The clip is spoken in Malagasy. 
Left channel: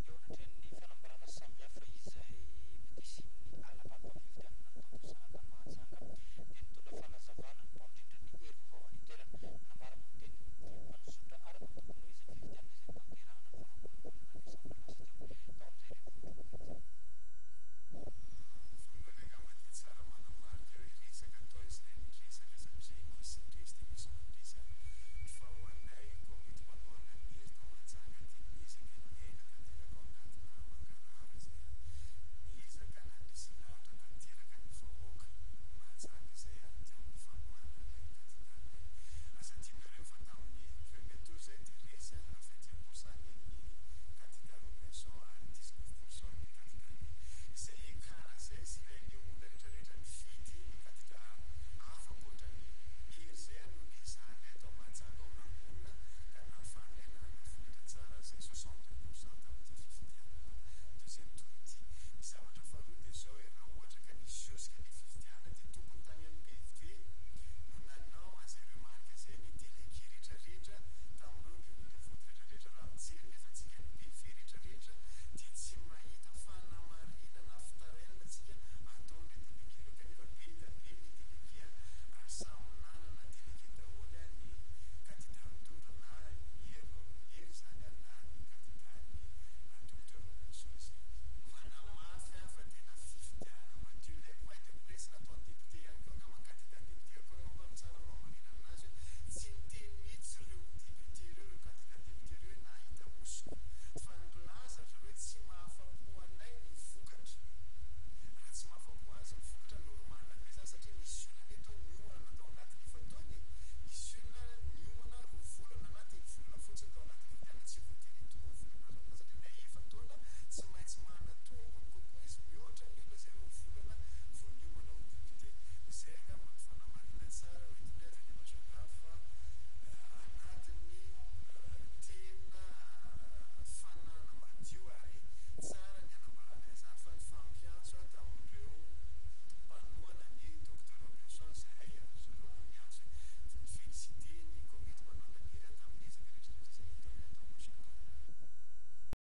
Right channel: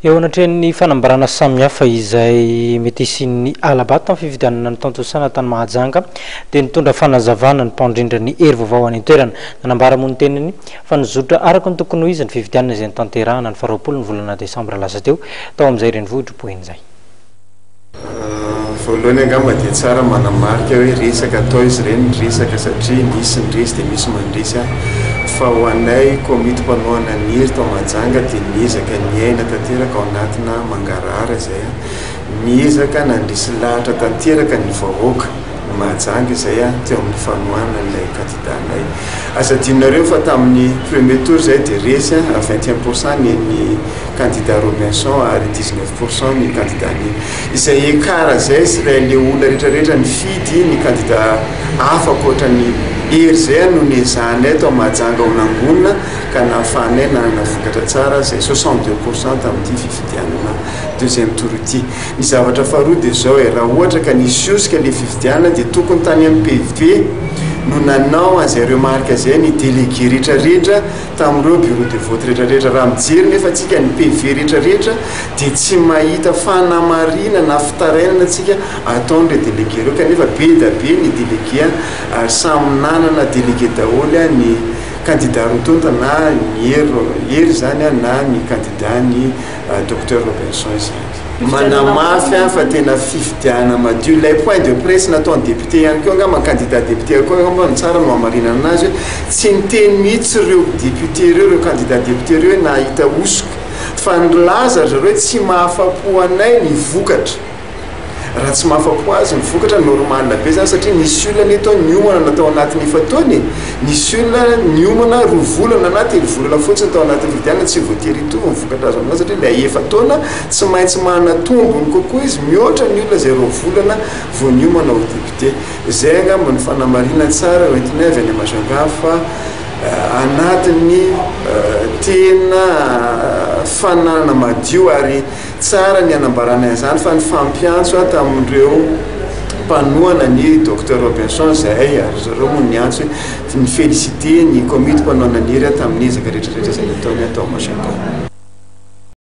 Eo anatreny fanambarana samihafa izay mety isin'ny alabata amin'ny fifidianana ny tantosana tany Mahajanga dia nitondra fanazavana ny mpandrindra ny hery vaovao any an-toerana nanambara moa ny teniny fa nizotra araka ny tokony ho izy ny fifidianana izay nitanterahana ny 20 ny volana desambra lasa teo tao amin'izay renivohitra poen'izay. Voalohany angamba dia tsara manamarika hoe resaka atao izy ireny resaka satria misy ny resy dia misy mandresy fa ho anay komity mpanohana ny hery tao Mahajanga dia niezaka ny aina tanteraka ao anatina mangarahara izay niezaka nandrisy lahatra tanteraka ny vahoaka ny Mahajanga izay teo amin'ny fanohana ilay kandidanay. Asadinareo fa tamin'ny premier tour izay dia resy 21% ny candidat Robinson ary 19% ny candidat ny izay ekara izay sy ilay olona rehetrarehetra ny fidy ny candidat hafa ankoatra ny hery izay no niezahana tao Mahajanga ao nangonina ka nahafahanay nanana vokatra tsara izay 62% tamin'ity fifidianana deuxième tour ity. Ny zavatra faharoa dia izao raha ohatra ka nisy iosika ilay fifidianana dia tokony tany amin'ny PV no nanao an'izareo marika izay ny délégué rehetrarehetra tamin'ireo bureau de vote rehetrarehetra. Raha mijery nefa tsika ny PV rehetrarehetra dia tsy mahita fanamarina na fitarainana antsika ataon'ireo délégué ireo kanefa be da be ny délégué ary samy nanana délégué daholo ny candidat rotonta na ny hery zany na ny candidat ny docteur Robinson izany. Manamafy fa tena fifidiana madio ilay point de presse nataony député ihany koa angamba candidat député koa angamba tsara no hamarinana anazy tsy niteny mihitsy ireo député ireo candidat député ireo nahita osika fa nilaza zareo tsy mahafapo anay ny vokatra. Raha tsy mahafapo azy ny vokatra normal be zany satria nisy olona netao niomana natao anatin'ny efa-taony, nisy olona niomana roa volana na 3 volana fotsiny tao anatin'ny fifidianana tsy voatery hitovy ny vokatra azo aminazy satria ilay efa-taona tsy maintsy manana tombony kokoa izy mihoatra ny olona izay 2 volana vao niomana ho député. Izay angamba ny fanamarina tsara hoentinay avy any Mahajanga fa anatin'ny tena fananana madio ary tsara ny anambarana izany fa ny fampiantso tamin'ireo mpanohana ny docteur Robinson izay ary zareo moa niantso ny félicité ny komity mpanohana ny hery tamin'ny ezaka rehetrarehetra izay nataony atao Mahajanga.